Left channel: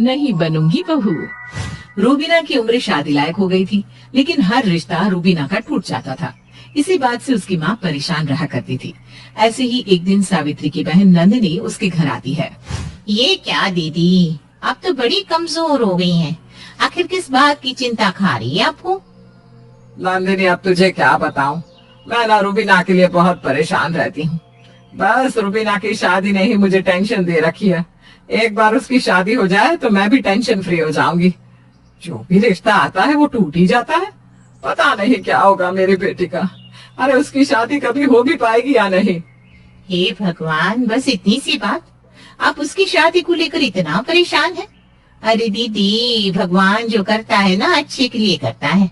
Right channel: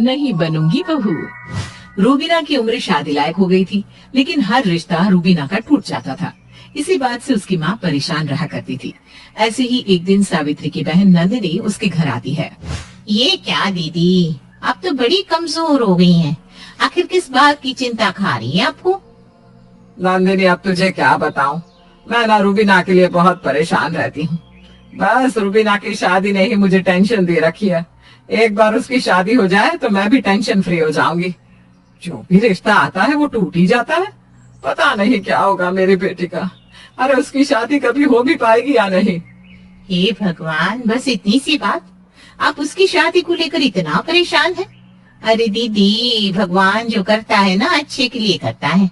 नहीं बनूंगी बहू। रूबीना की उम्र शादी लायक हो गई थी, लेकिन हर रिश्ता रूबीना का टूट जाता था। इसी बात से उसकी माँ परेशान रहा करती थी। ऐसे ही एक दिन सावित्री की बहन नंदिनी उसके घर आती है। ये क्या दीदी, आप तो बड़ी कमजोर हो गई हैं। आखिर किस बात की चिंता खा रही है आपको? नंदिनी, अब तुझे क्या बताऊं, मैं ना रूबीना के लिए बहुत परेशान रहती हूँ। बस रूबीना की शादी ने ही मुझे टेंशन दे रखी है। एक बार उसकी शादी हो जाए तो मैं भी टेंशन फ्री हो जाऊंगी। जो भी रिश्ता आता है वो टूट ही जाता है। पता नहीं क्या होगा मेरी बेटी का। अरे उसकी शादी कभी हो भी पाएगी या नहीं। हे भगवान, बस इतनी सी बात, आप उसकी शादी को लेकर इतना परेशान हैं? अरे दीदी, भगवान जो करता है ना अच्छे के लिए करता है।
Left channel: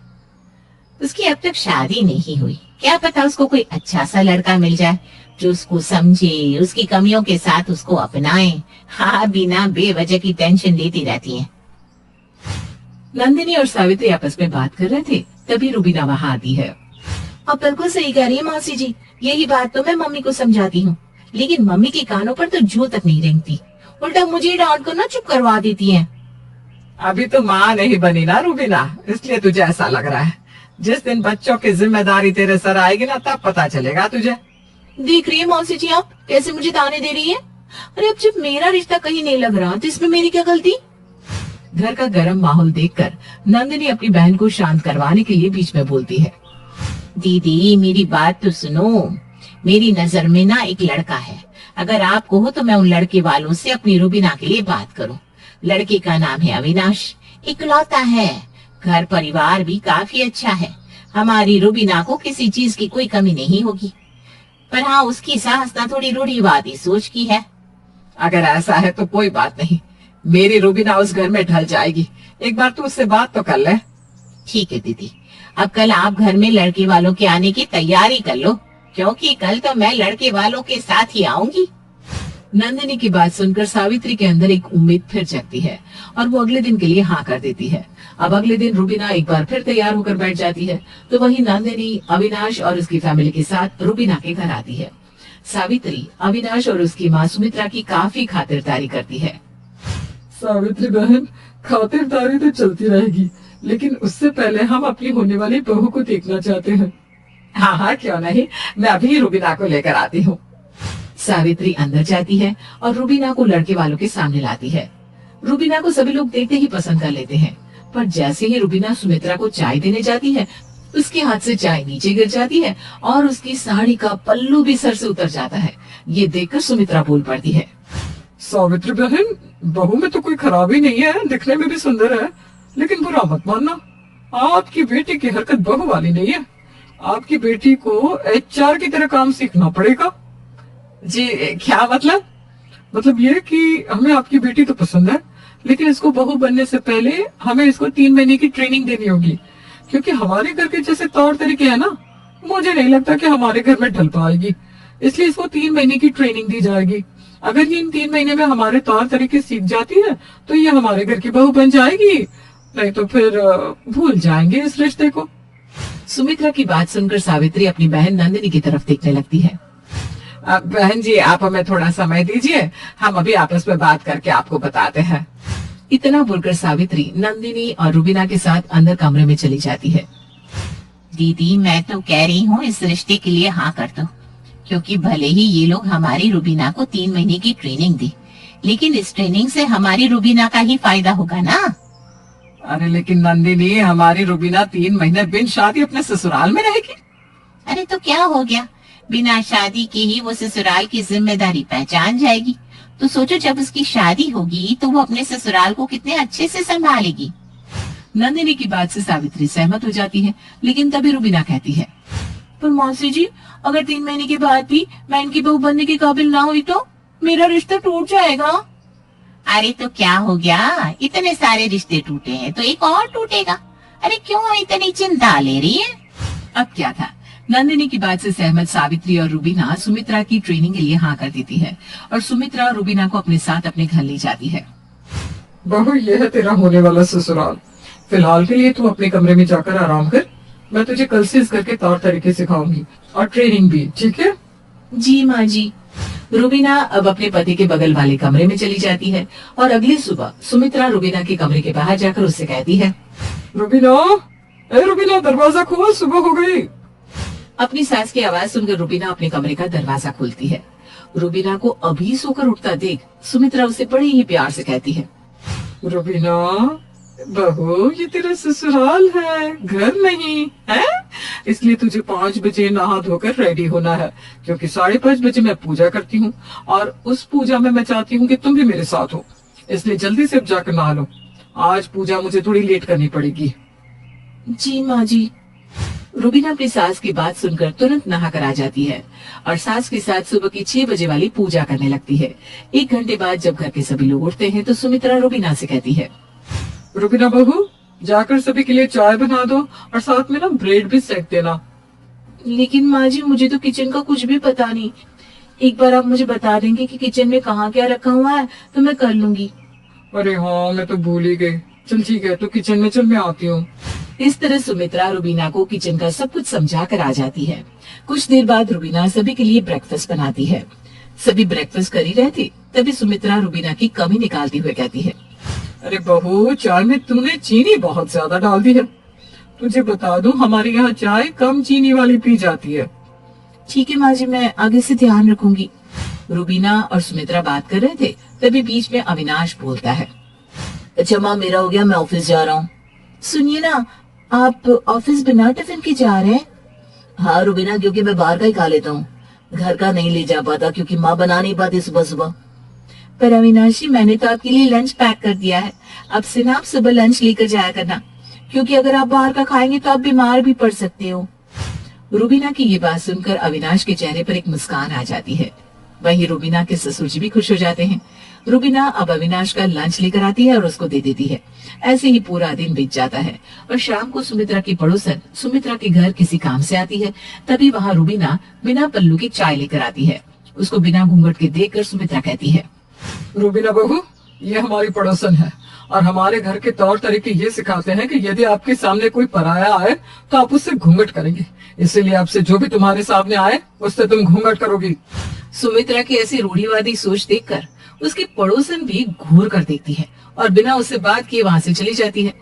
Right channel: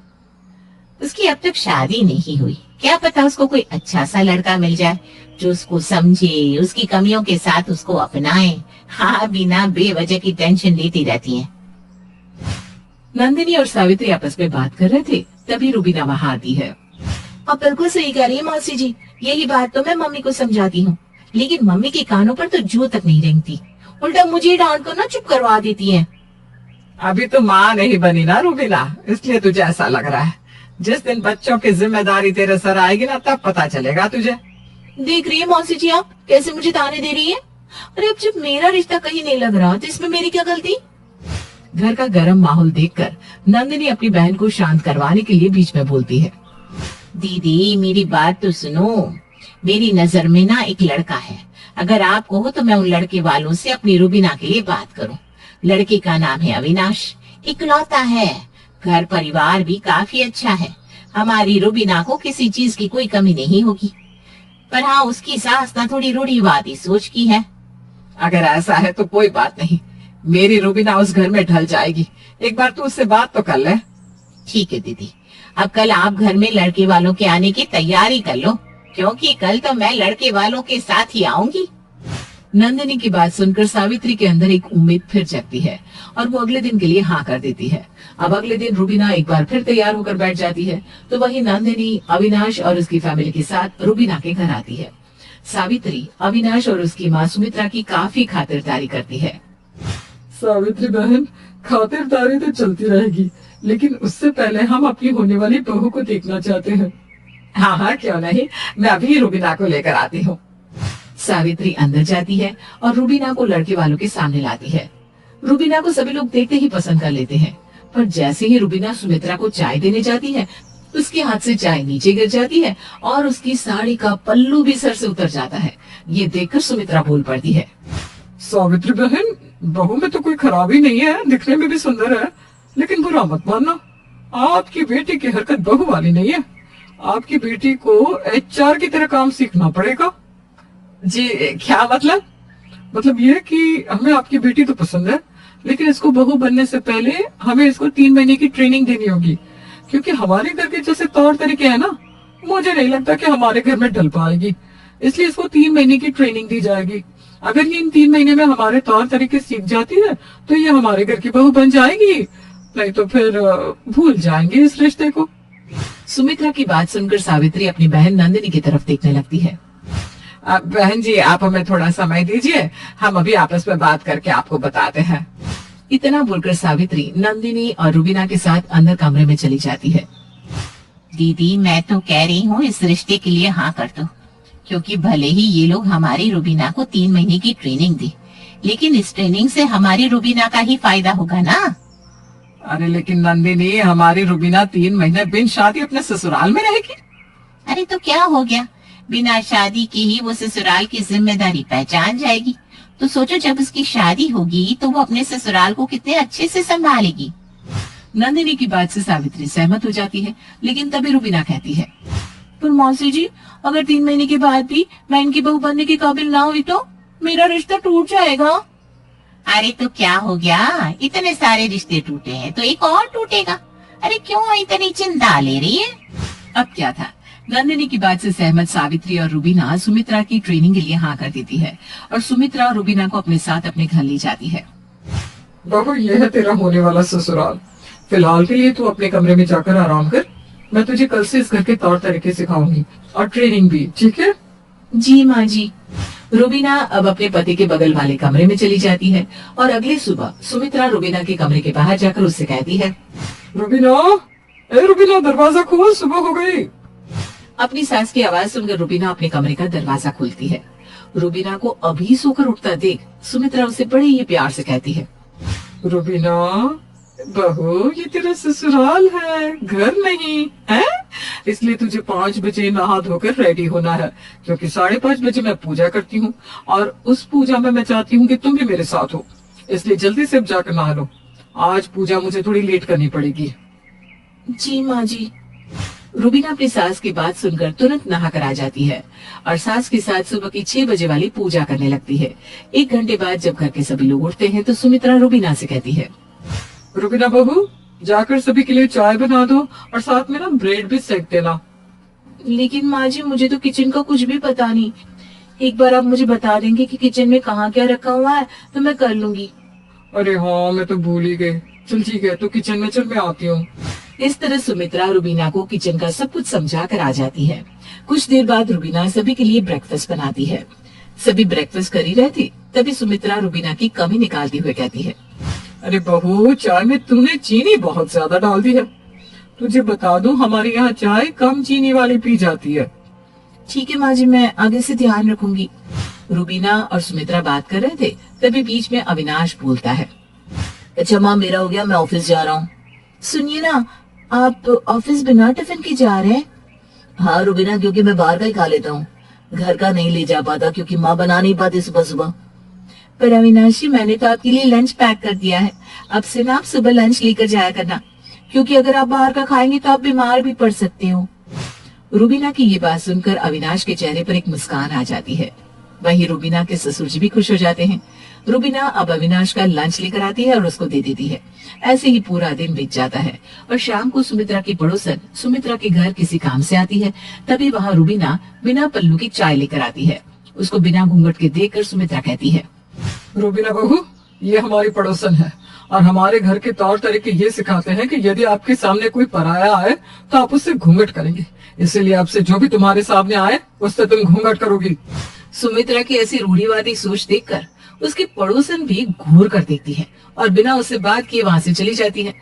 उसकी अब तक शादी नहीं हुई, क्या पता उसको कोई अच्छा सा लड़का मिल जाए जो उसको समझे, उसकी कमियों के साथ उसको अपनाए। हाँ, बिना बेवजह की टेंशन लेती रहती है। नंदिनी और सावित्री आपस में बात कर रहे थे, तभी रूबीना वहाँ आती है। आप बिल्कुल सही कह रही है मौसी जी, यही बात तो मैं मम्मी को समझाती हूँ, लेकिन मम्मी के कानों पर तो जू तक नहीं रेंगती, उल्टा मुझे डांट कर ना चुप करवा देती है। अभी तो माँ नहीं बनी ना रूबीना, इसलिए तुझे ऐसा लग रहा है। जिस दिन बच्चों की जिम्मेदारी तेरे सर आएगी ना, तब पता चलेगा तुझे। देख रही है मौसी जी आप कैसे मुझे ताने दे रही है। अरे अब जब मेरा रिश्ता कहीं नहीं लग रहा तो इसमें मेरी क्या गलती। घर का गर्म माहौल देखकर नंदिनी अपनी बहन को शांत करवाने के लिए बीच में बोलती है। दीदी, मेरी बात तो सुनो। मेरी नजर में ना एक लड़का है। अगर आपको हो तो मैं उन लड़के वालों से अपनी रूबीना के लिए बात करूं। लड़के का नाम है अविनाश, इकलौता है। घर परिवार भी काफी अच्छा है। हमारी रूबीना को किसी चीज की कोई कमी नहीं होगी। पर हाँ, उसकी सास ना थोड़ी रूढ़िवादी सोच की है। अगर ऐसा है तो कोई बात नहीं, मेरी रूबीना उस घर में ढल जाएगी। एक बार तू उससे बात तो कर ले। ठीक है दीदी, अब कल आप घर में लड़के वालों के आने की तैयारी कर लो, क्योंकि कल तो मैं लड़के वालों के साथ ही आऊंगी। नंदिनी की बात सुनकर सावित्री के अंदर एक उम्मीद फिर जगती है और वो अगले दिन के लिए हाँ कर देती है। अब अगले दिन रूबीना एक बार फिर तैयार होकर बैठ जाती है, तो वही नंदिनी अविनाश और उसकी फैमिली के साथ रूबीना के घर आती है। सावित्री अविनाश और उसकी माँ सुमित्रा की काफी खातिरदारी करती है। सावित्री बहन, खातिरदारी तो चलती रहेगी, लेकिन उससे पहले हम अपनी होने वाली बहू को देखना चाहते हैं। हाँ हाँ, क्यों नहीं, मैं अभी रूबीना को लेकर आती हूँ। सावित्री अंदर जाती है और रूबीना को लड़के वालों के सामने लाती है। रूबीना को सभी लोग देखते ही पसंद कर लेते हैं, पर जैसे ही रूबीना सुमित्रा को चाय देने जाती है, उसके हाथ से चाय नीचे गिर जाती है और उसकी साड़ी का पल्लू भी सर से उतर जाता है। ये देखकर सुमित्रा बोल पड़ती है। सावित्री बहन, बहू में तो कोई खराबी नहीं है, दिखने में भी सुंदर है, लेकिन बुरा मत मानना, आपकी बेटी की हरकत बहू वाली नहीं है। आपकी बेटी को एचआर की तरह काम सीखना पड़ेगा। जी क्या मतलब? मतलब ये कि हमें आपकी बेटी तो पसंद है, लेकिन इसको बहू बनने से पहले हमें इसको 3 महीने की ट्रेनिंग देनी होगी, क्योंकि हमारे घर के जैसे तौर तरीके है ना, मुझे नहीं लगता कि हमारे घर में ढल पाएगी। इसलिए इसको 3 महीने की ट्रेनिंग दी जाएगी। अगर ये इन 3 महीने में हमारे तौर तरीके सीख जाती है तो ये हमारे घर की बहू बन जाएगी, नहीं तो फिर भूल जाएंगे इस रिश्ते को। सुमित्रा की बात सुनकर सावित्री अपनी बहन नंदिनी की तरफ देखने लगती है। बहन जी, आप हमें थोड़ा समय दीजिए, हम अभी आपस में बात करके आपको बताते हैं। इतना बोलकर सावित्री नंदिनी और रूबीना के साथ अंदर कमरे में चली जाती है। दीदी, मैं तो कह रही हूँ इस रिश्ते के लिए हाँ कर दो, क्योंकि भले ही ये लोग हमारी रूबीना को 3 महीने की ट्रेनिंग दे, लेकिन इस ट्रेनिंग से हमारी रूबीना का ही फायदा होगा ना। अरे लेकिन नंदिनी, हमारी रूबीना 3 महीने बिन शादी अपने ससुराल में रहेगी। अरे तो क्या हो गया, बिना शादी के ही वो ससुराल की जिम्मेदारी पहचान जाएगी। तो सोचो, जब उसकी शादी होगी तो वो अपने ससुराल को कितने अच्छे से संभालेगी। नंदिनी की बात से सावित्री सहमत हो जाती है, लेकिन तभी रूबीना कहती है, पर मौसी जी, अगर 3 महीने के बाद भी मैं इनकी बहू बनने के काबिल ना हुई तो मेरा रिश्ता टूट जाएगा। अरे तो क्या हो गया, इतने सारे रिश्ते टूटे हैं तो एक और टूटेगा। अरे क्यों इतनी चिंता ले रही है? अब क्या था, नंदिनी की बात से सहमत सावित्री और रूबीना सुमित्रा की ट्रेनिंग के लिए हाँ कर देती है और सुमित्रा और रूबीना को अपने साथ अपने घर ले जाती है। बहू, ये है तेरा होने वाला ससुराल। फिलहाल के लिए तू अपने कमरे में जाकर आराम कर। मैं तुझे कल से इस घर के तौर तरीके सिखाऊंगी और ट्रेनिंग भी, ठीक है? जी माँ जी। रुबीना अब अपने पति के बगल वाले कमरे में चली जाती है और अगली सुबह सुमित्रा रुबीना के कमरे के बाहर जाकर उससे कहती है, रुबीना, ए रुबीना, दरवाजा खोल, सुबह हो गई। अपनी सास की आवाज सुनकर रुबीना अपने कमरे का दरवाजा खोलती है। रुबीना को अभी सोकर उठता देख सुमित्रा उसे बड़े ही प्यार से कहती है, रुबीना बहू, ये तेरा ससुराल है, घर नहीं है, इसलिए तुझे 5 बजे नहा धोकर रेडी होना है, क्योंकि 5:30 बजे मैं पूजा करती हूँ और उस पूजा में मैं चाहती हूँ कि तुम भी मेरे साथ हो, इसलिए जल्दी से अब जाकर नहा लो। आज पूजा मुझे थोड़ी लेट करनी पड़ेगी। जी माँ जी। रुबीना अपनी सास की बात सुनकर तुरंत नहा कर आ जाती है और सास के साथ सुबह की 6 बजे वाली पूजा करने लगती है। 1 घंटे बाद जब घर के सभी लोग उठते हैं तो सुमित्रा रुबीना से कहती है, रुबीना बहू, जाकर सभी के लिए चाय बना दो और साथ में ना ब्रेड भी सेक देना। लेकिन माँ जी, मुझे तो किचन का कुछ भी पता नहीं। एक बार आप मुझे बता देंगे कि किचन में कहाँ क्या रखा हुआ है तो मैं कर लूंगी। अरे हाँ, मैं तो भूल ही गई। चल ठीक है, तो किचन में चल, मैं आती हूँ। इस तरह सुमित्रा रुबीना को किचन का सब कुछ समझा कर आ जाती है। कुछ देर बाद रुबीना सभी के लिए ब्रेकफास्ट बनाती है। सभी ब्रेकफास्ट कर ही रहे थे, तभी सुमित्रा रुबीना की कमी निकालती हुए कहती है, अरे बहू, चाय में तूने चीनी बहुत ज्यादा डाल दी है। तुझे बता दूं, हमारे यहाँ चाय कम चीनी वाली पी जाती है। ठीक है माँ जी, मैं आगे से ध्यान रखूंगी। रुबीना और सुमित्रा बात कर रहे थे, तभी बीच में अविनाश बोलता है, अच्छा माँ, मेरा हो गया, मैं ऑफिस जा रहा हूँ। सुनिए ना, आप ऑफिस बिना टिफिन के जा रहे हैं? हाँ रुबीना, क्योंकि मैं बाहर का ही खा लेता हूँ, घर का नहीं ले जा पाता क्योंकि माँ बना नहीं पाती सुबह सुबह। पर अविनाश जी, मैंने तो आपके लिए लंच पैक कर दिया है। अब से ना आप सुबह लंच लेकर जाया करना, क्योंकि अगर आप बाहर का खाएंगे तो आप बीमार भी पड़ सकते हो। रुबीना की ये बात सुनकर अविनाश के चेहरे पर एक मुस्कान आ जाती है। वहीं रुबीना के ससुर जी भी खुश हो जाते हैं। रुबीना अब अविनाश का लंच लेकर आती है और उसको दे देती है। ऐसे ही पूरा दिन बीत जाता है और शाम को सुमित्रा की पड़ोसन सुमित्रा के घर किसी काम से आती है। तभी वहाँ रुबीना बिना पल्लू की चाय लेकर आती है। उसको बिना घूंघट के देखकर सुमित्रा कहती है, रुबीना बहू, ये हमारी पड़ोसन है और हमारे घर के तौर तरीके ये सिखाते हैं कि यदि आपके सामने कोई पराया आए तो आप उससे घूंघट करेंगे, इसीलिए आपसे जो भी तुम्हारे सामने आए उससे तुम घूंघट करोगी। सुमित्रा की ऐसी रूढ़िवादी सोच देखकर उसकी पड़ोसन भी घूर कर देखती है और बिना उससे बात किए वहाँ से चली जाती है।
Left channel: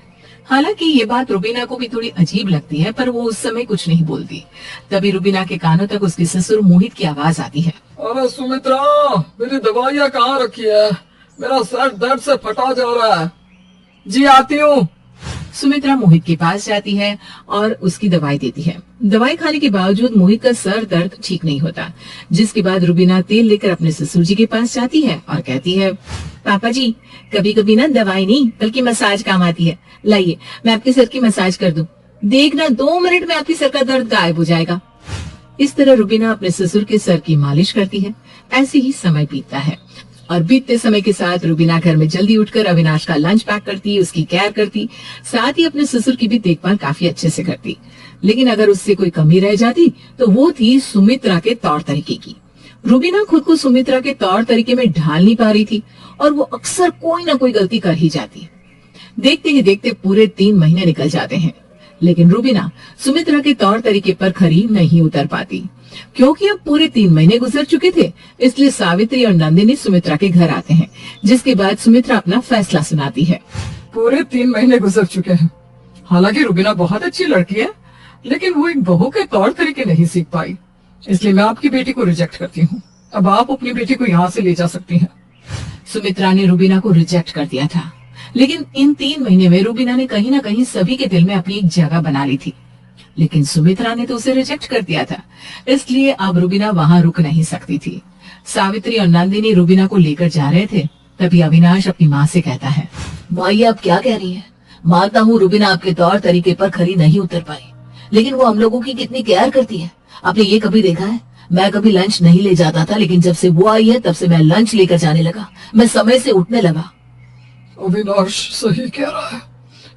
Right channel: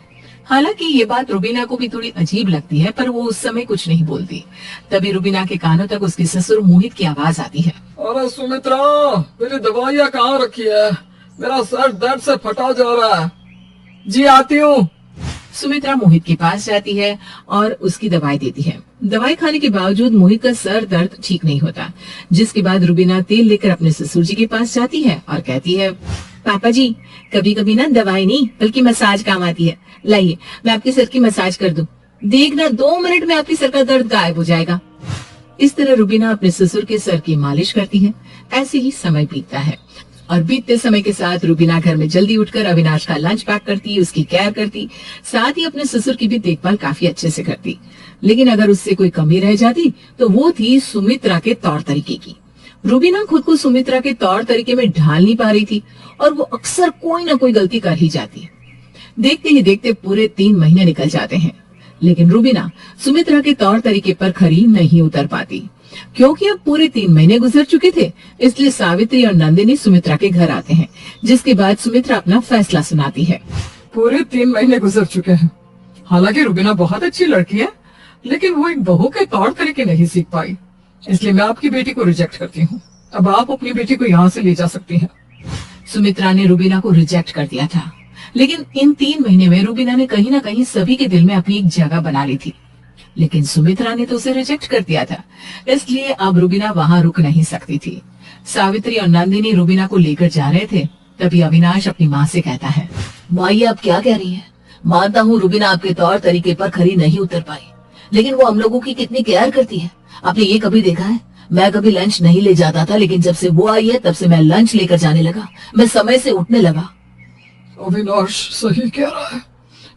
हालांकि ये बात रुबीना को भी थोड़ी अजीब लगती है, पर वो उस समय कुछ नहीं बोलती। तभी रुबीना के कानों तक उसके ससुर मोहित की आवाज आती है, अरे सुमित्रा, मेरी दवाइयाँ कहाँ रखी है? मेरा सर दर्द से फटा जा रहा है। जी आती हूँ। सुमित्रा मोहित के पास जाती है और उसकी दवाई देती है। दवाई खाने के बावजूद मोहित का सर दर्द ठीक नहीं होता, जिसके बाद रुबीना तेल लेकर अपने ससुर जी के पास जाती है और कहती है, पापा जी, कभी कभी ना दवाई नहीं बल्कि मसाज काम आती है। लाइए, मैं आपके सर की मसाज कर दूं। देखना 2 मिनट में आपके सर का दर्द गायब हो जाएगा। इस तरह रुबीना अपने ससुर के सर की मालिश करती है। ऐसे ही समय बीतता है और बीतते समय के साथ रुबीना घर में जल्दी उठकर अविनाश का लंच पैक करती, उसकी केयर करती, साथ ही अपने ससुर की भी देखभाल काफी अच्छे से करती। लेकिन अगर उससे कोई कमी रह जाती तो वो थी सुमित्रा के तौर तरीके की। रुबीना खुद को सुमित्रा के तौर तरीके में ढाल नहीं पा रही थी और वो अक्सर कोई ना कोई गलती कर ही जाती। देखते ही देखते पूरे 3 महीने निकल जाते हैं, लेकिन रुबीना सुमित्रा के तौर तरीके पर खरी नहीं उतर पाती, क्योंकि अब पूरे 3 महीने गुजर चुके थे। इसलिए सावित्री और नंदिनी सुमित्रा के घर आते हैं, जिसके बाद सुमित्रा अपना फैसला सुनाती है। पूरे 3 महीने गुजर चुके हैं। हालांकि रुबीना बहुत अच्छी लड़की है, लेकिन वो एक बहू के तौर तरीके नहीं सीख पाई, इसलिए मैं आपकी बेटी को रिजेक्ट करती हूँ। अब आप अपनी बेटी को यहाँ से ले जा सकती हैं। सुमित्रा ने रुबीना को रिजेक्ट कर दिया था, लेकिन इन 3 महीने में रुबीना ने कहीं ना कहीं सभी के दिल में अपनी एक जगह बना ली थी। लेकिन सुमित्रा ने तो उसे रिजेक्ट कर दिया था, इसलिए अब रुबीना वहाँ रुक नहीं सकती थी। सावित्री और नंदिनी रुबीना को लेकर जा रहे थे, तभी अविनाश अपनी माँ से कहता है, माँ, ये आप क्या कह रही हैं? मानता हूँ रुबीना आपके तौर तरीके पर खरी नहीं उतर पाई, लेकिन वो हम लोगों की कितनी केयर करती है। आपने ये कभी देखा है? मैं कभी लंच नहीं ले जाता था, लेकिन जब से वो आई है तब से मैं लंच लेकर जाने लगा, मैं समय से उठने लगा। अविनाश सही कह रहा है।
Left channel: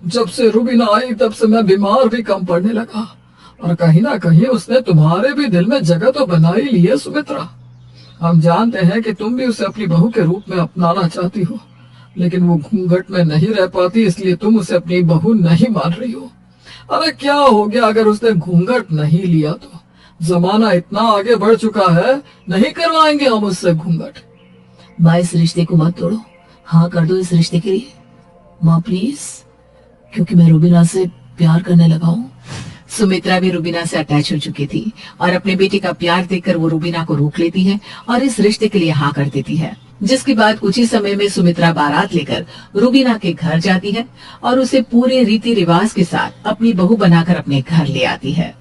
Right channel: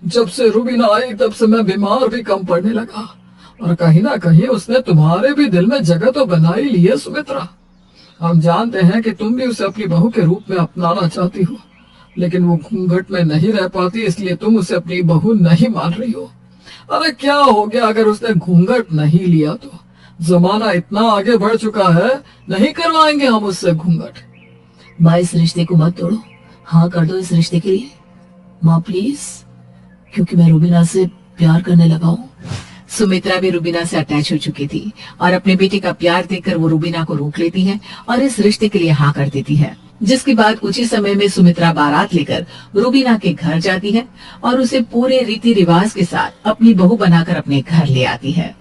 जब से रुबीना आई तब से मैं बीमार भी कम पड़ने लगा, और कहीं ना कहीं उसने तुम्हारे भी दिल में जगह तो बना ही ली है सुमित्रा। हम जानते हैं कि तुम भी उसे अपनी बहू के रूप में अपनाना चाहती हो, लेकिन वो घूंघट में नहीं रह पाती, इसलिए तुम उसे अपनी बहू नहीं मान रही हो। अरे क्या हो गया अगर उसने घूंघट नहीं लिया तो? जमाना इतना आगे बढ़ चुका है, नहीं करवाएंगे हम उससे घूंघट। माँ इस रिश्ते को मत तोड़ो, हाँ कर दो इस रिश्ते के लिए माँ प्लीज, क्योंकि मैं रुबीना से प्यार करने लगा हूँ। सुमित्रा भी रुबीना से अटैच हो चुकी थी और अपने बेटे का प्यार देखकर वो रुबीना को रोक लेती है और इस रिश्ते के लिए हाँ कर देती है। जिसके बाद कुछ ही समय में सुमित्रा बारात लेकर रुबीना के घर जाती है और उसे पूरे रीति रिवाज के साथ अपनी बहू बनाकर अपने घर ले आती है।